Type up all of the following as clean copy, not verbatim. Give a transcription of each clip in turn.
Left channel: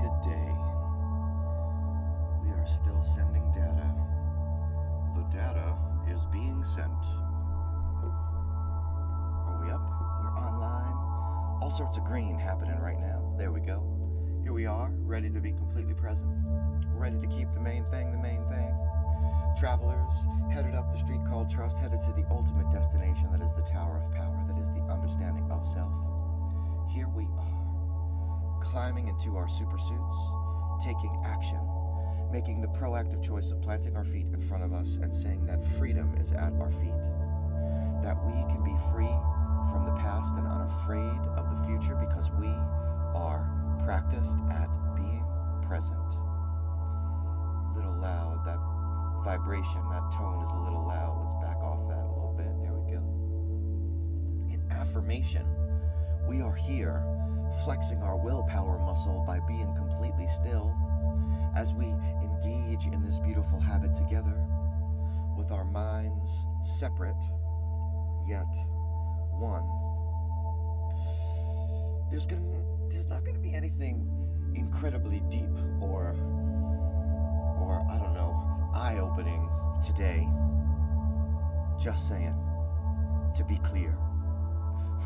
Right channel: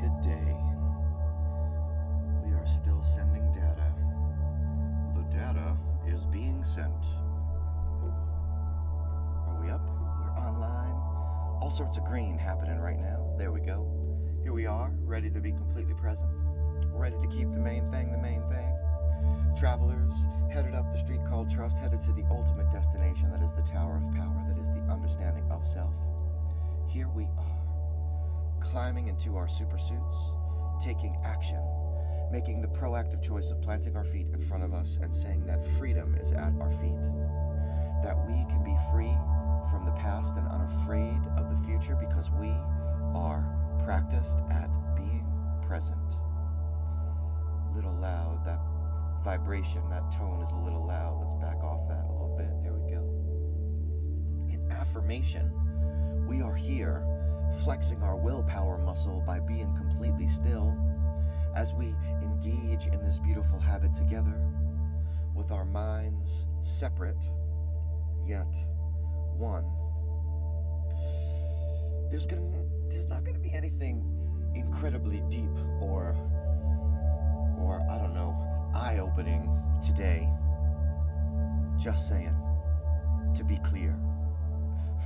good day. We are still sending data. The data is being sent. Are we up? We're online. All sorts of green happening right now. There we go. Here we are, ready to be completely present. Ready to keep the main thing the main thing. Travelers headed up the street called trust, headed to the ultimate destination that is the Tower of Power, that is the understanding of self. Here we are, climbing into our super suits, taking action, making the proactive choice of planting our feet in front of us and saying that freedom is at our feet, that we can be free from the past and unafraid of the future because we are practiced at being present. A little loud, that vibration, that tone is a little loud. Let's back off that a little bit. There we go. In affirmation, we are here flexing our willpower muscle by being completely still as we engage in this beautiful habit together with our minds separate yet one. There's not going to be anything incredibly deep or I don't know, eye-opening today. Just saying, to be clear.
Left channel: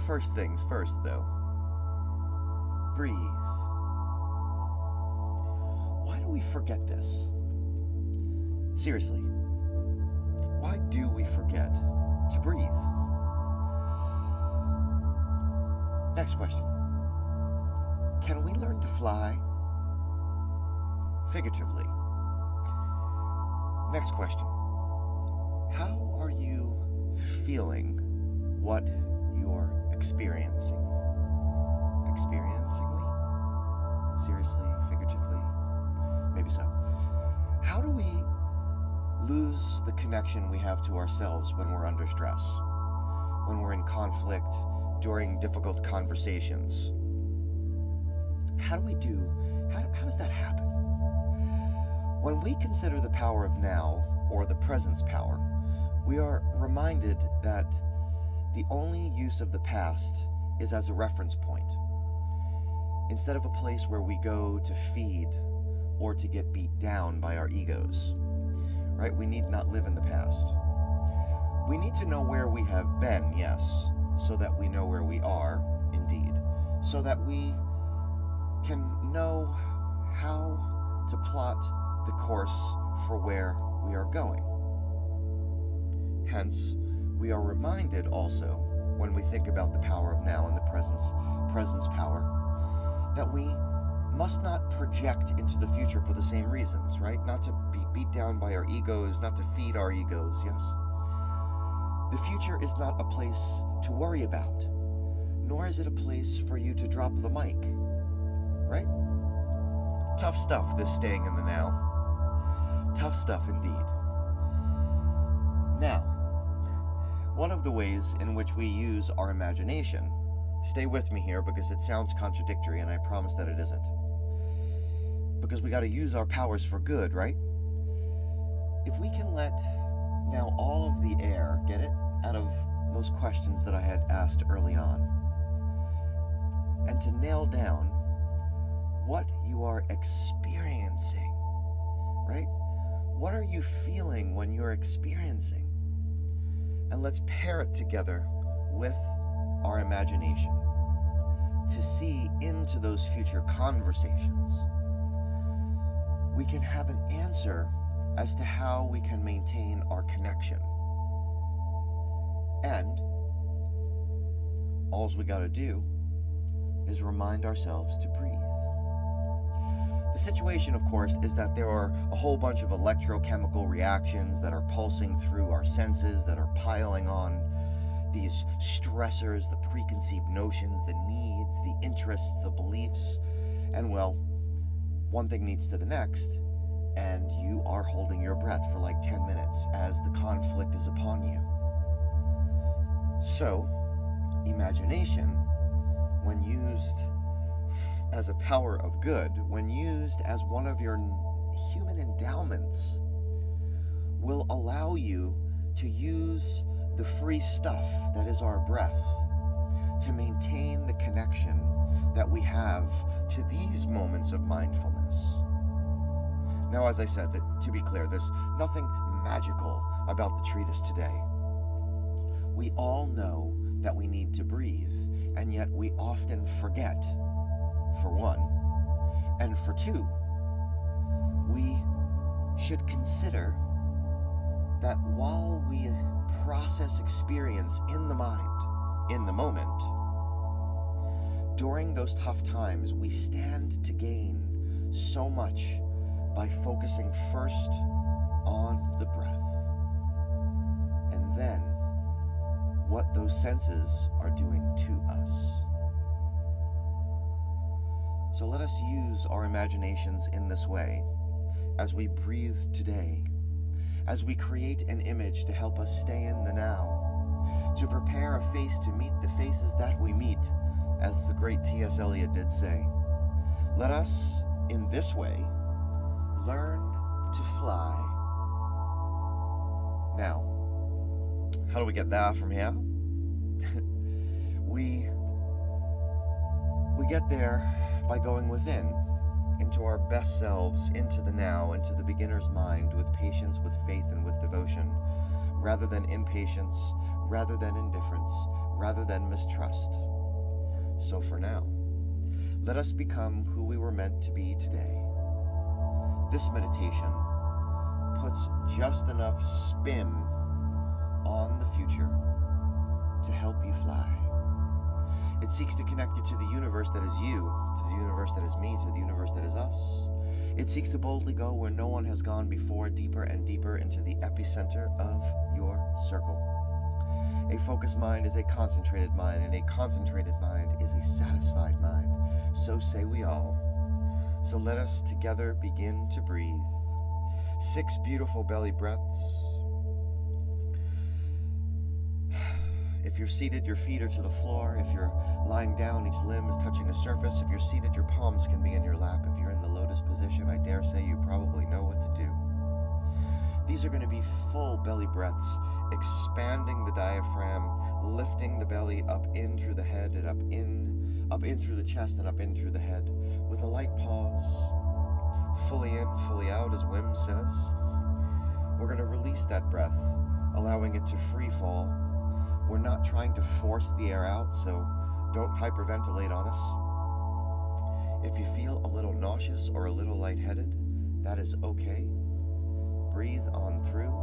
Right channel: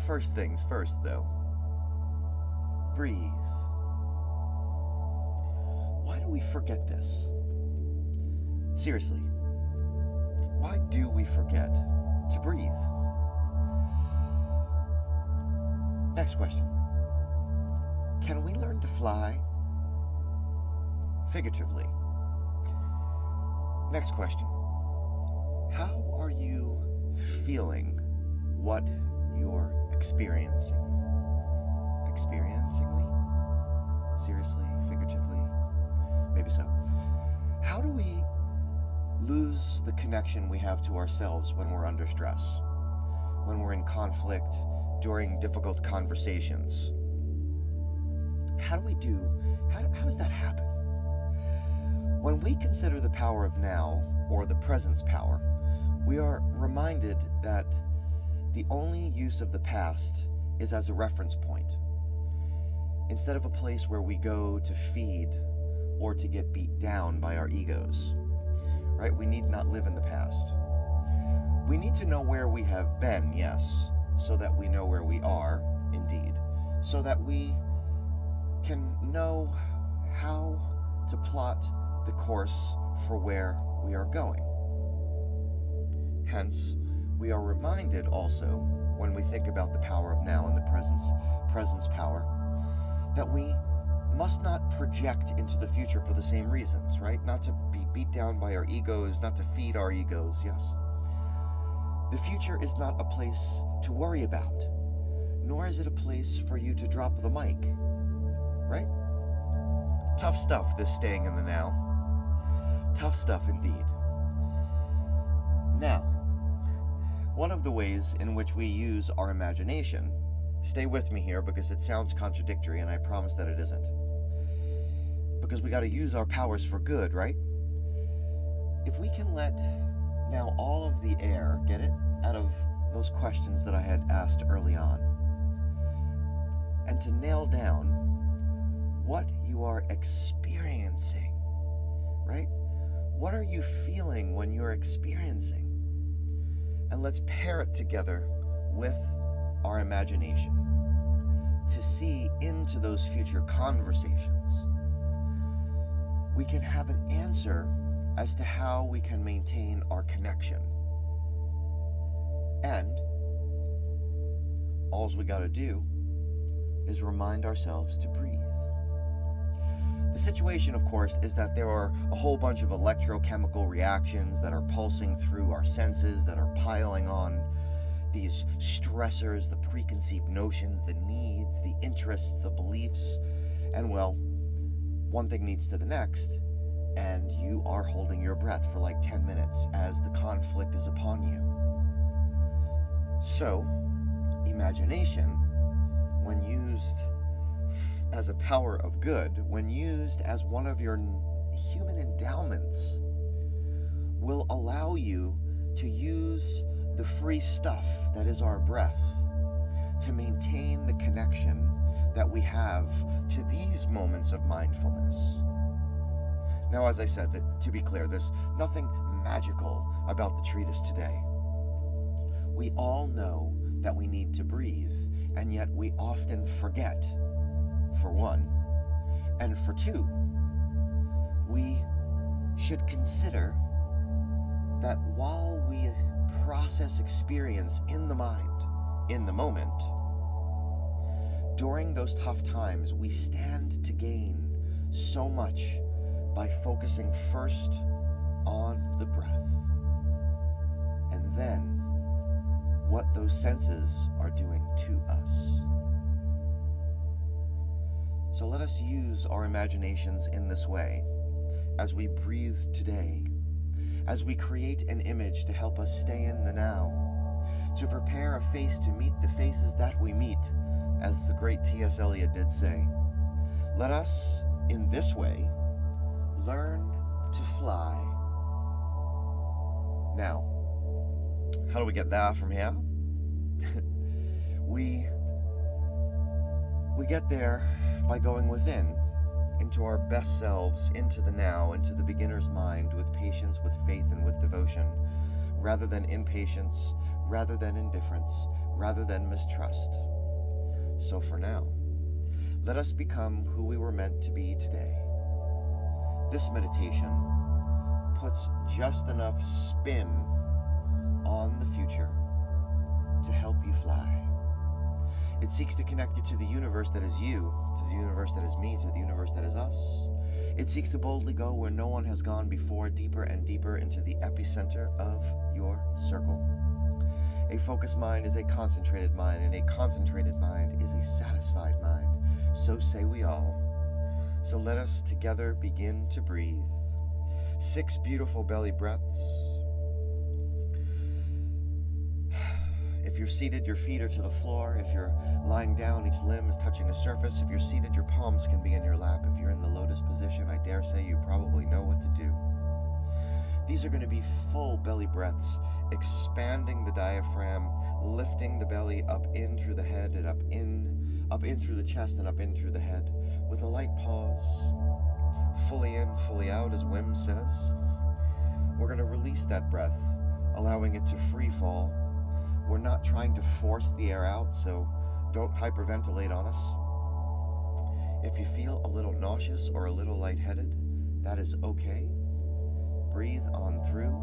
First things first, though. Breathe. Why do we forget this? Seriously, why do we forget to breathe? Next question. Can we learn to fly? Figuratively. Next question. How are you feeling what you're experiencing? Experiencingly? Seriously? Figuratively? Maybe so. How do we lose the connection we have to ourselves when we're under stress? When we're in conflict, during difficult conversations? How does that happen? When we consider the power of now, or the presence power, we are reminded that the only use of the past is as a reference point, instead of a place where we go to feed or to get beat down by our egos, right? We need not live in the past. We need to know where we have been, yes, so that we know where we are, indeed, so that we can know how to plot the course for where we are going. Hence, we are reminded also, when we think about the power of now and the presence power, that we must not project into the future for the same reasons, right? Not to be beat down by our egos, not to feed our egos, yes? The future is not a place to worry about, nor is it a place for you to drop the mic, right? Tough stuff, this staying in the now. Tough stuff indeed. Now, one of the ways in which we use our imagination, stay with me here because it sounds contradictory and I promise that it isn't. Because we got to use our powers for good, right? If we can let now all of the air, get it, out of those questions that I had asked early on, and to nail down what you are experiencing, right? What are you feeling when you're experiencing? And let's pair it together with our imagination to see into those future conversations. We can have an answer as to how we can maintain our connection. And all we got to do is remind ourselves to breathe. The situation, of course, is that there are a whole bunch of electrochemical reactions that are pulsing through our senses, that are piling on these stressors, the preconceived notions, the needs, the interests, the beliefs. And well, one thing leads to the next, and you are holding your breath for like 10 minutes as the conflict is upon you. So, imagination, when used as a power of good, when used as one of your human endowments, will allow you to use the free stuff that is our breath to maintain the connection that we have to these moments of mindfulness. Now, as I said, to be clear, there's nothing magical about the treatise today. We all know that we need to breathe, and yet we often forget, for one, and for two, we should consider that while we process experience in the mind, in the moment, during those tough times, we stand to gain so much by focusing first on the breath, and then what those senses are doing to us. So let us use our imaginations in this way as we breathe today, as we create an image to help us stay in the now, to prepare a face to meet the faces that we meet, as the great T.S. Eliot did say. Let us, in this way, learn to fly. Now, how do we get that from here? We get there by going within, into our best selves, into the now, into the beginner's mind, with patience, with faith, and with devotion, rather than impatience, rather than indifference, rather than mistrust. So for now, let us become who we were meant to be today. This meditation puts just enough spin on the future to help you fly. It seeks to connect you to the universe that is you, to the universe that is me, to the universe that is us. It seeks to boldly go where no one has gone before, deeper and deeper into the epicenter of your circle. A focused mind is a concentrated mind, and a concentrated mind is a satisfied mind. So say we all. So let us together begin to breathe. 6 beautiful belly breaths. If you're seated, your feet are to the floor. If you're lying down, each limb is touching a surface. If you're seated, your palms can be in your lap. If you're in the lotus position, I dare say you probably know what to do. These are going to be full belly breaths, expanding the diaphragm, lifting the belly up in through the head and up in through the chest and up in through the head, with a light pause. Fully in, fully out, as Wim says. We're going to release that breath, allowing it to free fall. We're not trying to force the air out, so don't hyperventilate on us. If you feel a little nauseous or a little lightheaded, that is okay. Breathe on through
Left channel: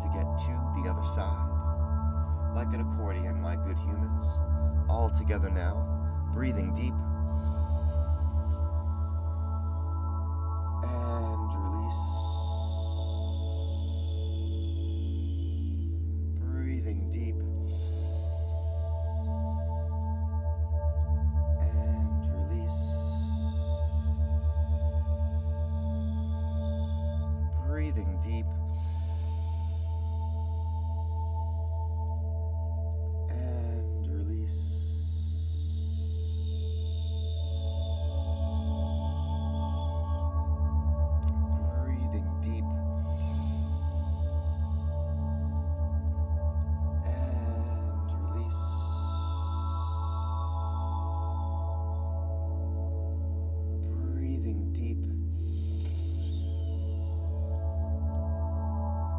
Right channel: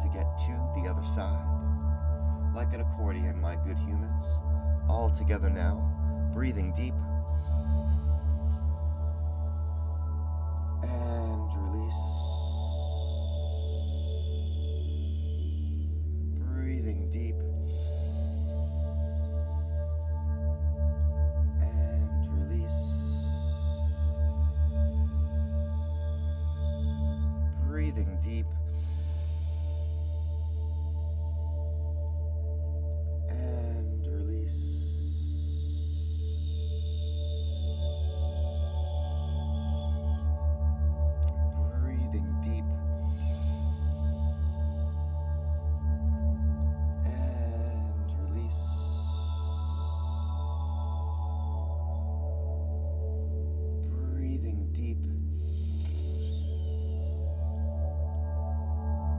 to get to the other side. Like an accordion, my good humans. All together now, breathing deep. And release. Breathing deep. And release. Breathing deep. And release. Breathing deep. And release. Breathing deep.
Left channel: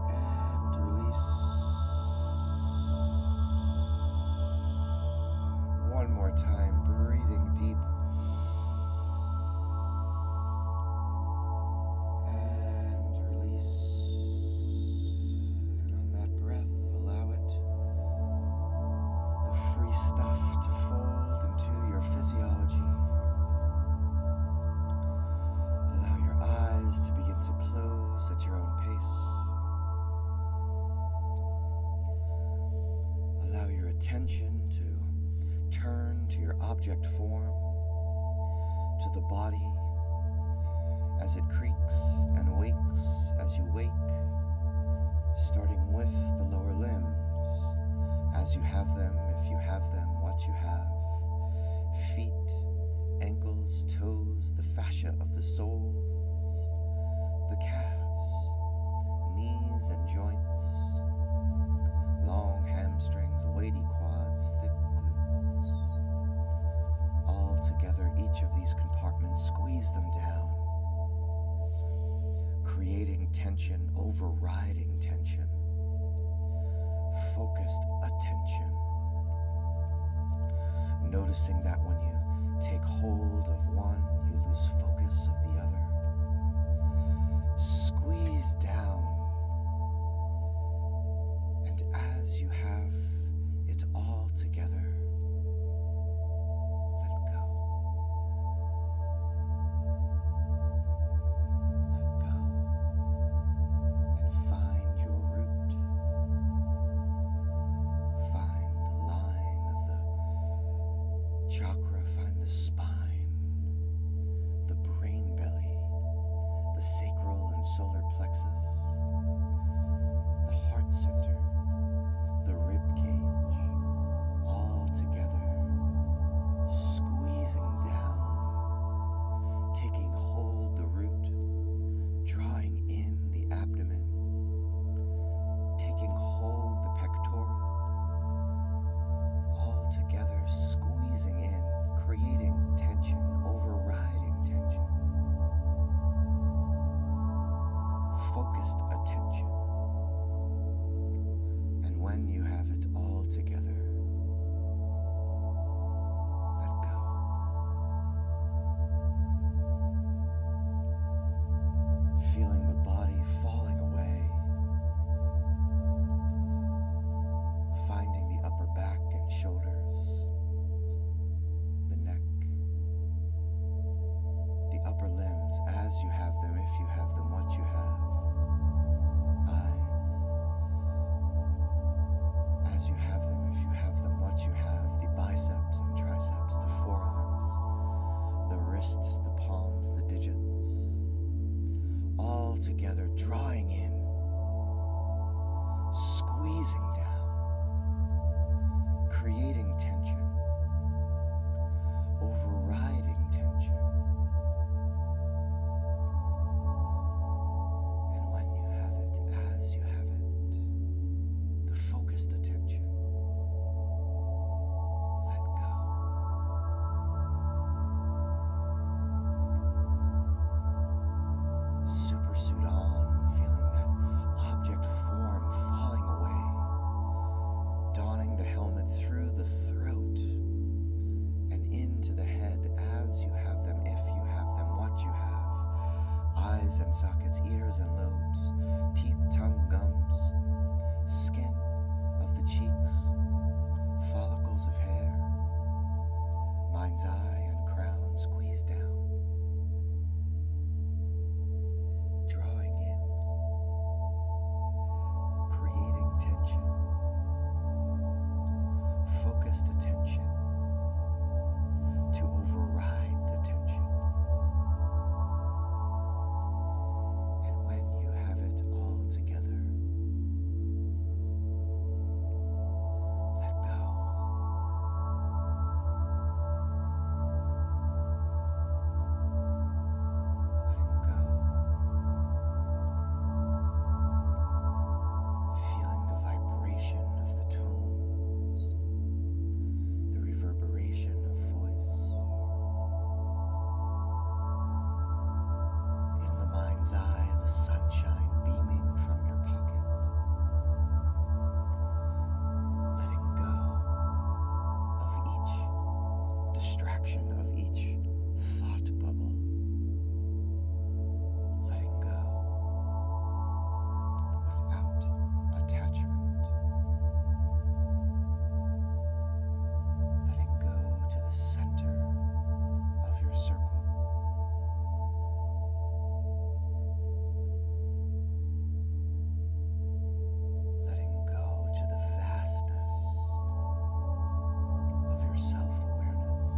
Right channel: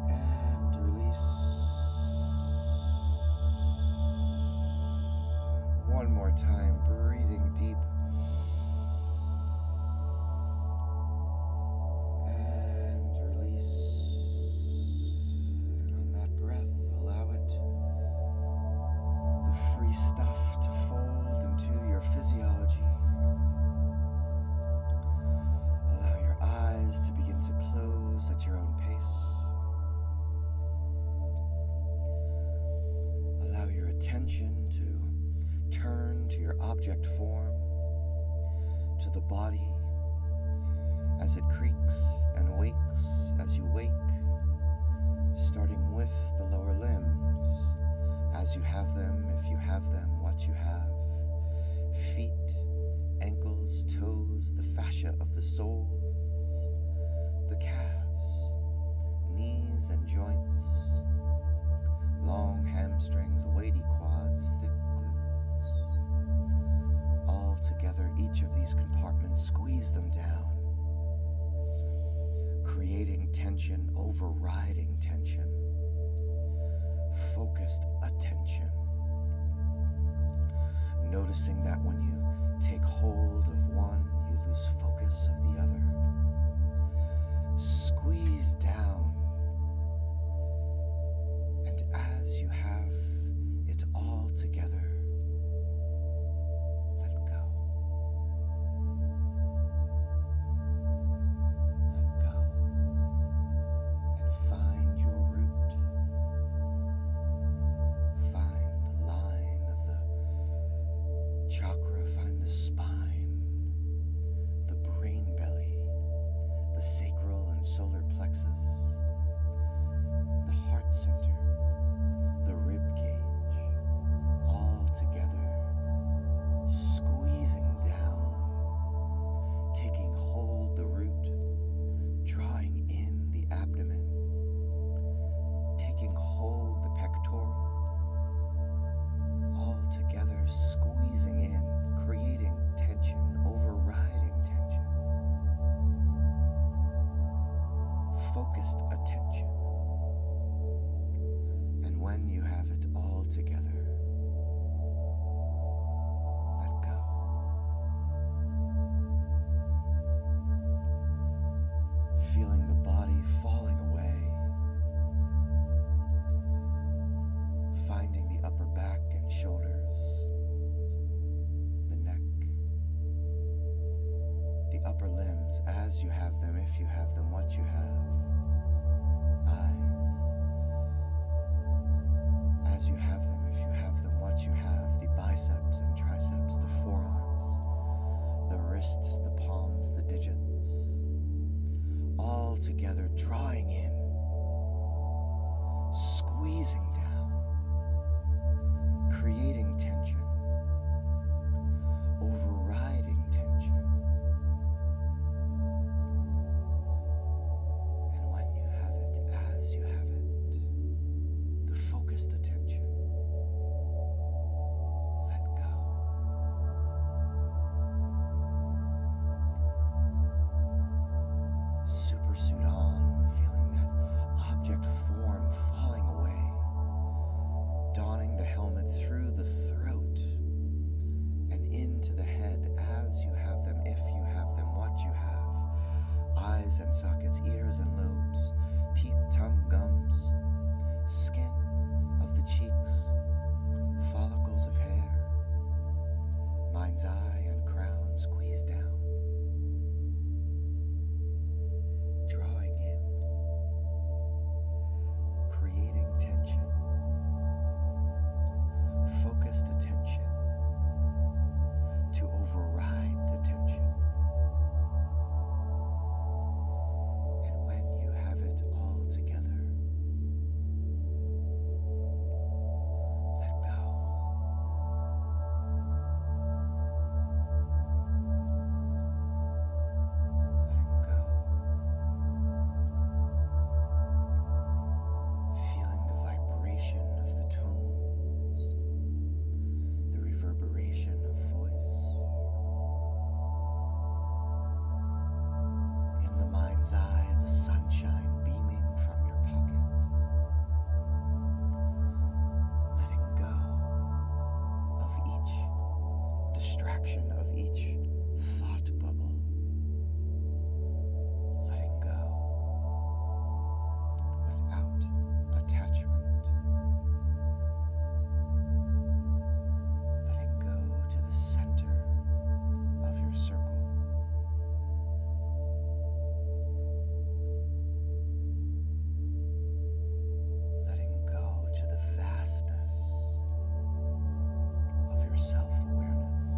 And release. One more time, breathing deep. And release. And on that breath, allow it, the free stuff, to fold into your physiology. Allow your eyes to begin to close at your own pace. Allow your attention to turn to your object form, to the body, as it creaks and wakes as you wake, starting with the lower limbs, as you have them, if you have them, what you have. Feet, ankles, toes, the fascia of the soles, the calves, knees and joints, long hamstrings, weighty quads, thick glutes, all together abdomen, squeeze them down, creating tension, overriding tension, focused attention. Noticing that when you take hold of one, you lose focus of the other. Squeeze down, and as you have it all together, let go. Let go, and find your root. Find the line of the chakra, find the spine, the brain belly, the sacral and solar plexus, the heart center, the rib cage, all together, squeezing down, taking hold the root, drawing in the abdomen, taking hold the pectoral, all together, squeezing in, creating tension, overriding tension, focused attention. And when you have it all together, let go. Feeling the body falling away, finding the upper back and shoulders, the neck, the upper limbs as you have them, if you have them, what you have, eyes, as you have them, if you have them, what you have, the biceps and triceps, the forearms, the wrists, the palms, the digits, all together, drawing in, squeezing down, creating tension, overriding tension. And when you have it, as you have it, the focused attention, let go. Supersuit on, feeling that object form falling away, donning the helmet through the throat and into the head as you have them, if you have them, what you have, eyes and sockets, ears and lobes, teeth, tongue, gums, skin of the cheeks, follicles of hair, mind's eye and crown, squeeze down, drawing in, creating tension, focused attention to override the tension. And when you have it all together, let go. Letting go. Feeling the vibration of the tones, the reverberation of voice. In the mind's eye, the sunshine beaming from your pocket. Letting go of each distraction, of each thought bubble. Letting go without attachment. Letting go to the center of your circle. Letting go to the vastness of your self-awareness.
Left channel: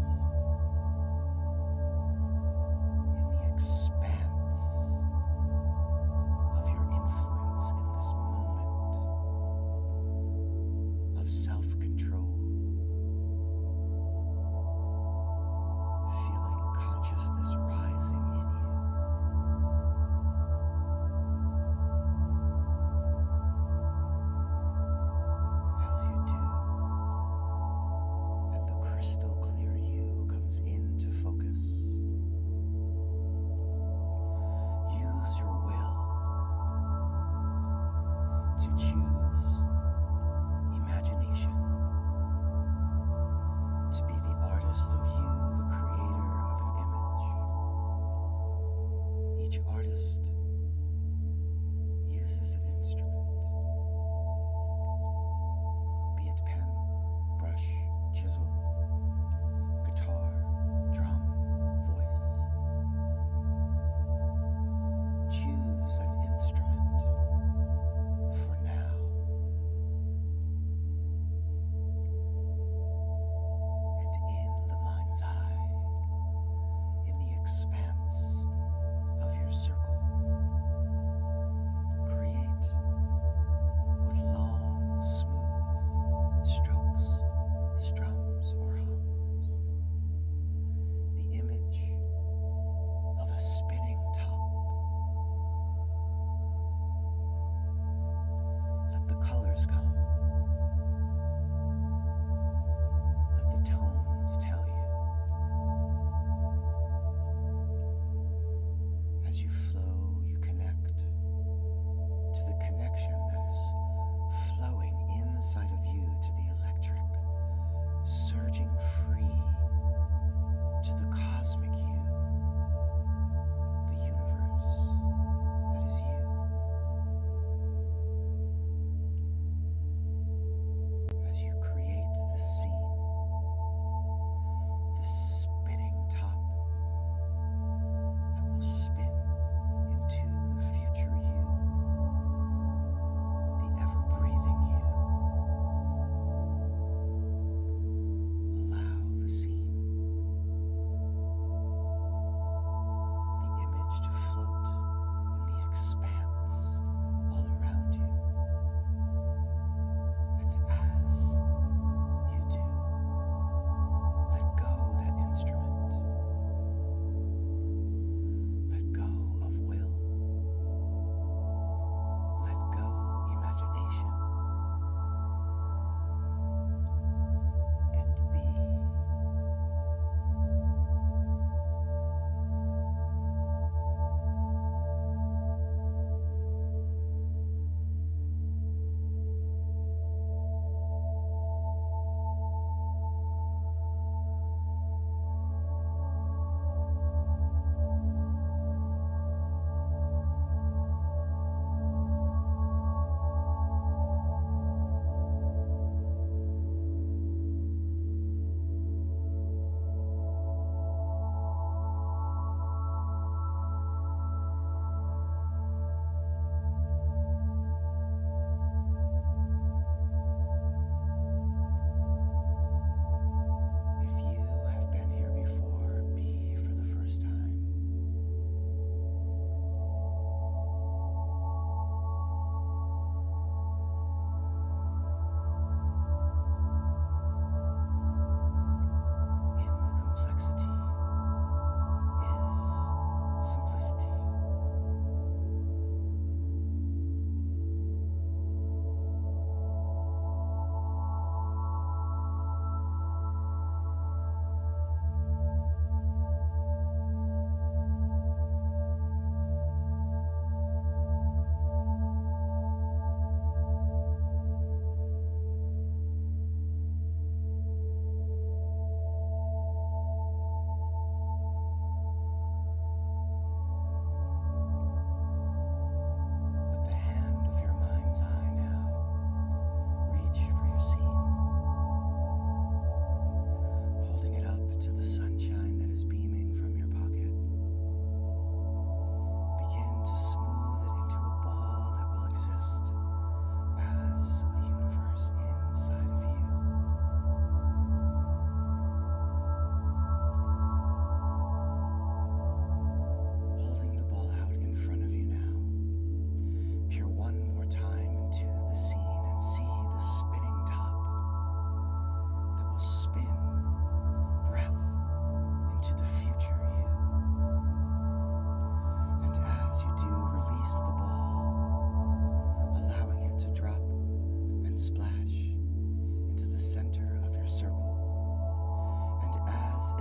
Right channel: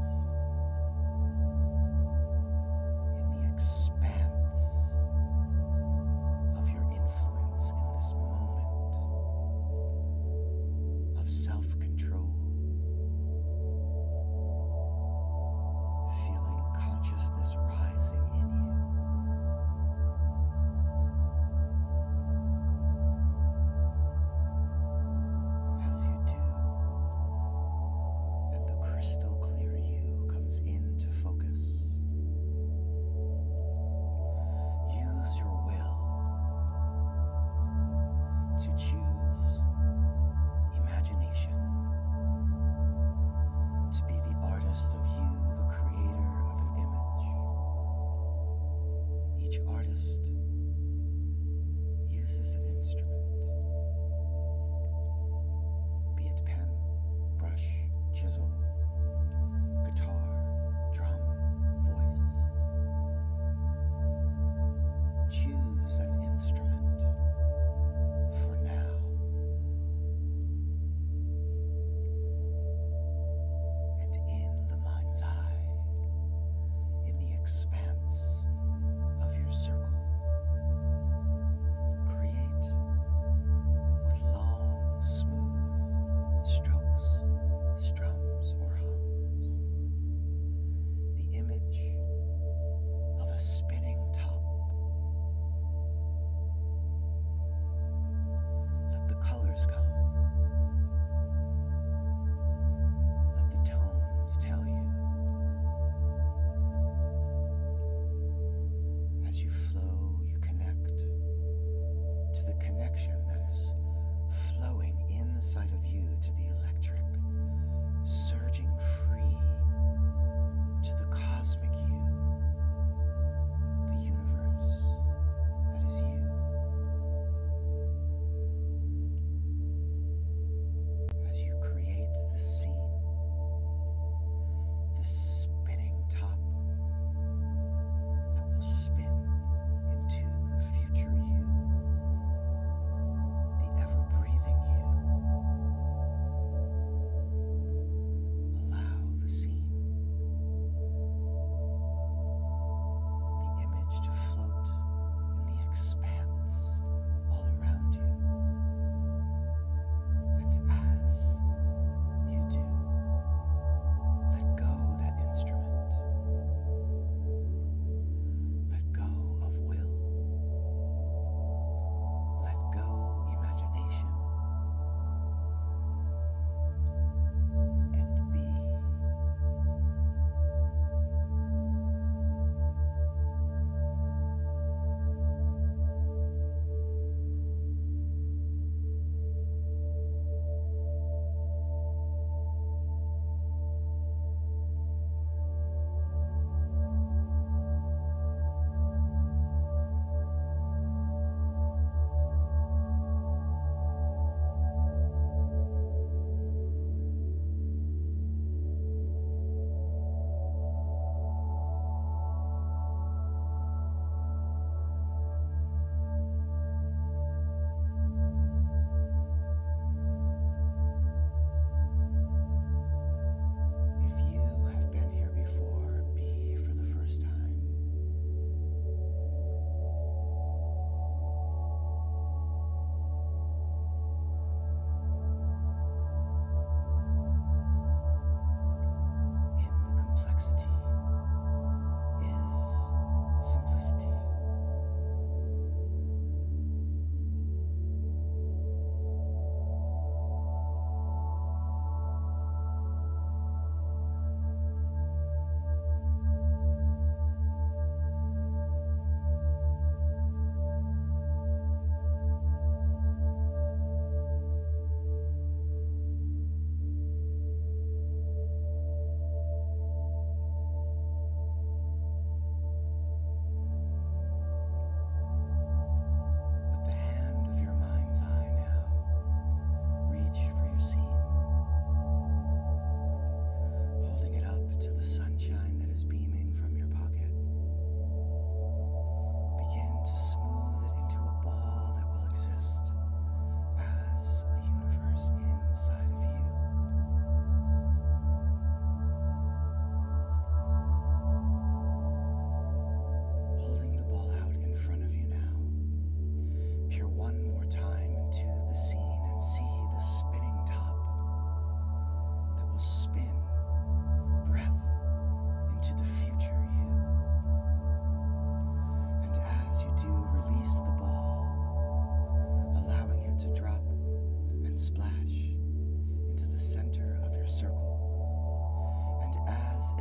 complexity is simplicity.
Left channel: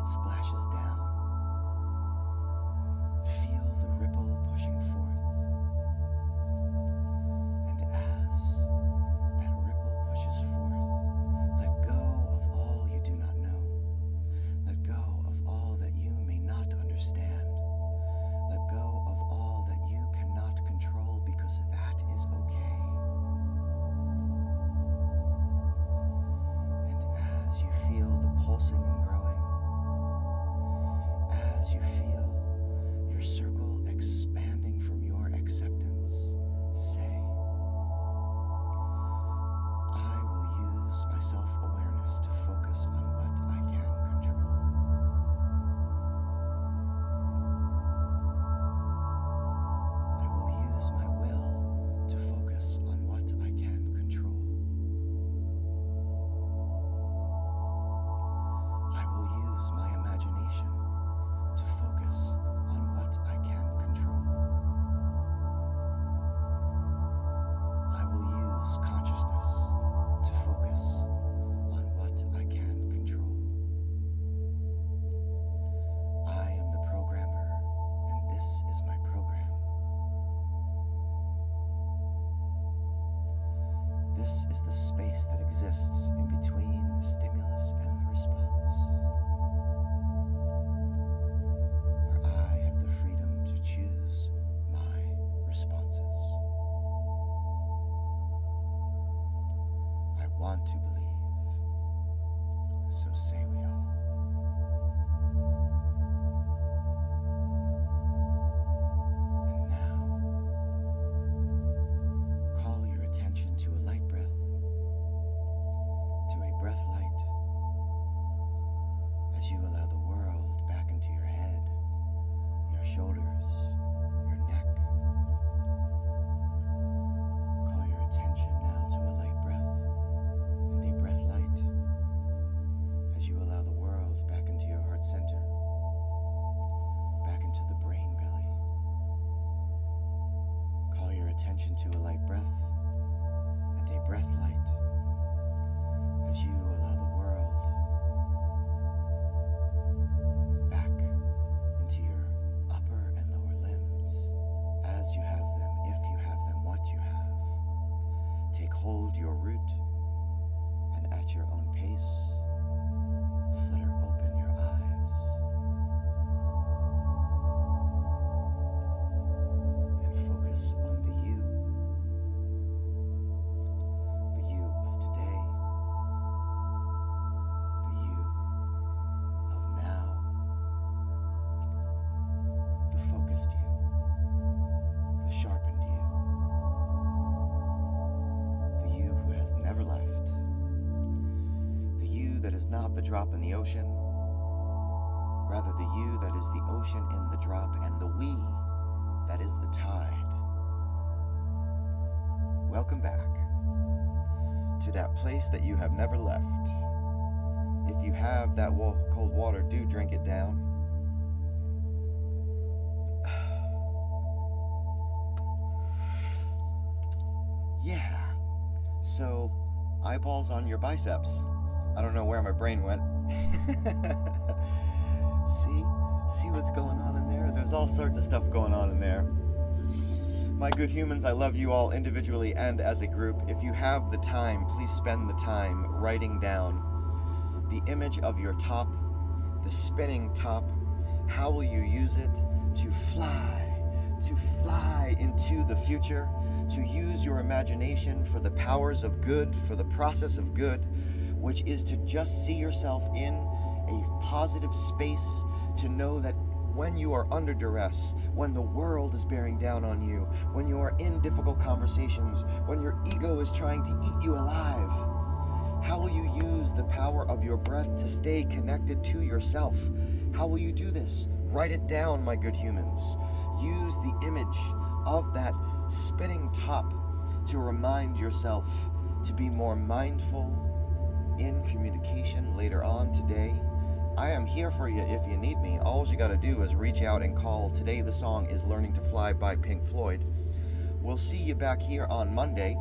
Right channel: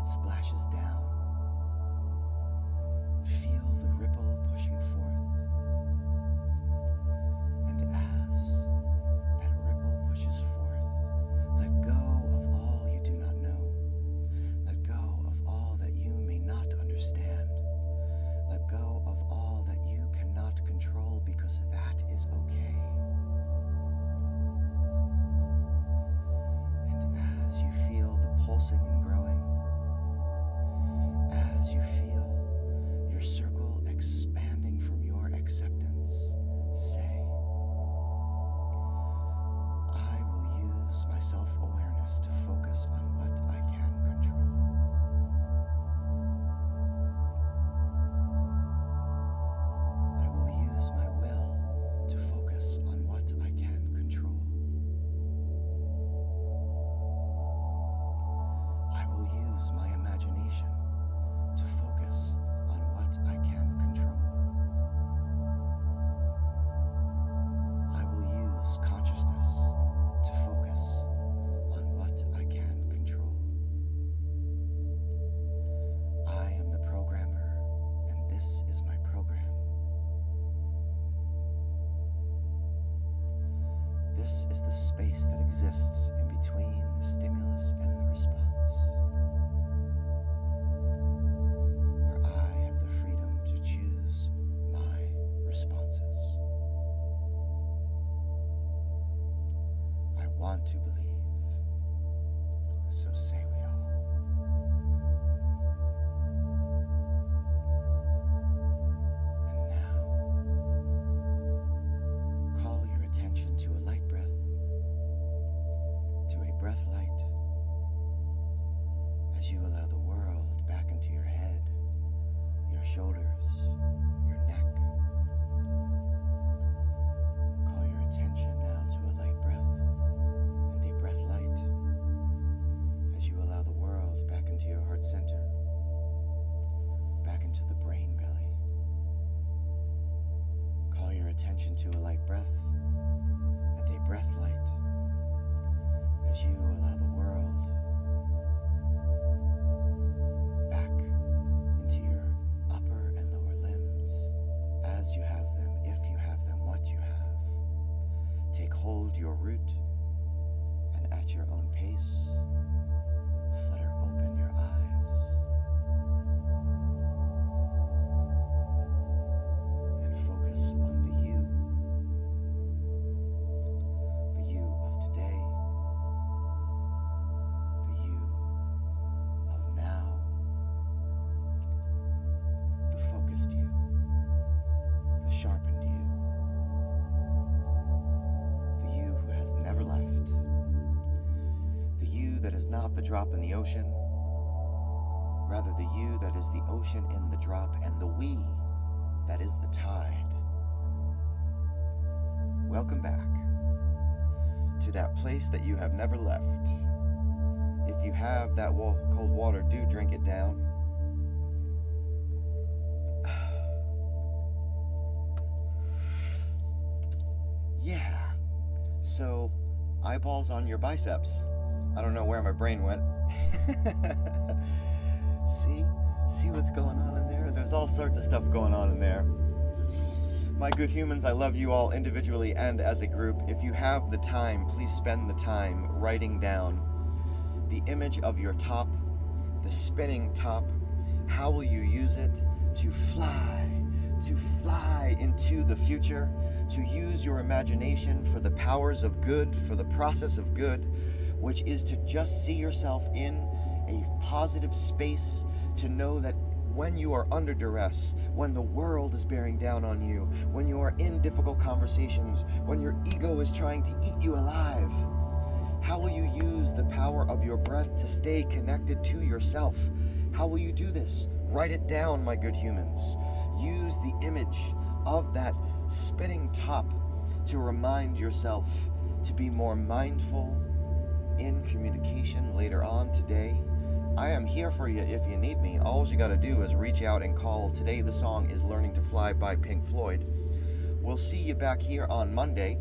Splashes down. Feel the ripple pushing forth. And as that ripple pushes forth, let go of all you do not know. Let go of all that you may not understand. Let go of all that you cannot control, because that is okay. And as you feel the pulsing and growing, as you feel your circle expanding from your acceptance, say, I will use my self-awareness to focus on what I can control. I will use my will to focus on what I can control. I will use my imagination to focus on what I can control. I will use consciousness to focus on what I can control. I am the programmer, and this is my program. This is the space that exists in between the stimulus and the response. Choose my responses. I want to believe, so say we all. And now, call your attention to a light breath, to a breath light, as you allow the world back into your head, your shoulders, your neck. Call your attention now to a light breath and a breath light as you allow the world back into your heart center, back into the brain belly. Call your attention to a light breath and a breath light as you allow the world back into your upper and lower limbs as you have them, if you have them, what you have. Take hold your root, and at your own pace, flutter open your eyes and focus on the you of today, the you of now, the focused you, the sharpened you, the you who has never left, the you that is not the drop in the ocean, rather the you that is the ocean in the drop, and the we that is the tide. Welcome back to that place that you have never left, If you have that cold water, do drink it down. Yeah. So, eyeballs on your biceps. I don't know where my brain went. See what's going on in there? There's all sorts of stuff going on in there. My good humans, I love you all individually and as a group. If you have the time, please spend the time writing down the image of your top, the spinning top. How will you use it to fly into the future, to use your imagination for the powers of good, for the process of good, which is to just see yourself in a positive space, to know that when you are under duress, when the world is bearing down on you, when you are in difficult conversations, when your ego is trying to eat you alive, how will you use the power of your breath to stay connected to yourself? How will you do this? Write it down, my good humans. Use the image of that spinning top to remind yourself to be more mindful in communication later on today. I am here for you if you need me. All you got to do is reach out and call. Today the song is Learning to Fly by Pink Floyd. We'll see you back here on Monday.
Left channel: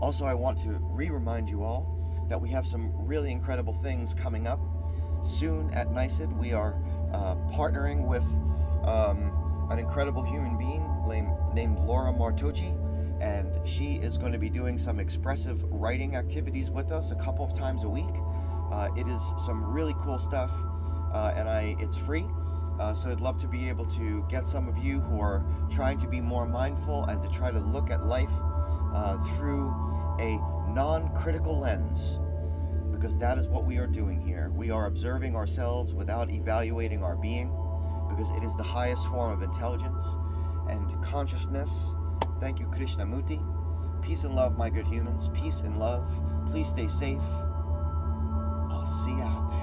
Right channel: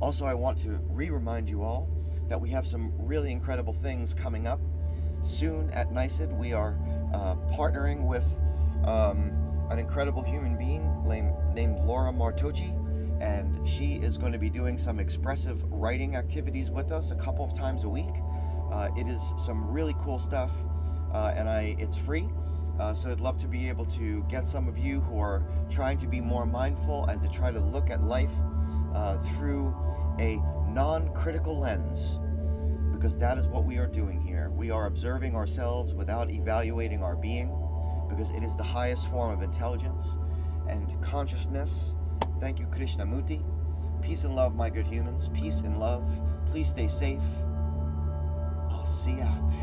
Also, I want to remind you all that we have some really incredible things coming up. Soon at NICED, we are partnering with an incredible human being named Laura Martocci, and she is going to be doing some expressive writing activities with us a couple of times a week. It is some really cool stuff, and it's free. So I'd love to be able to get some of you who are trying to be more mindful and to try to look at life through a non-critical lens, because that is what we are doing here. We are observing ourselves without evaluating our being, because it is the highest form of intelligence and consciousness. Thank you, Krishnamurti. Peace and love, my good humans. Peace and love. Please stay safe. I'll see you out there.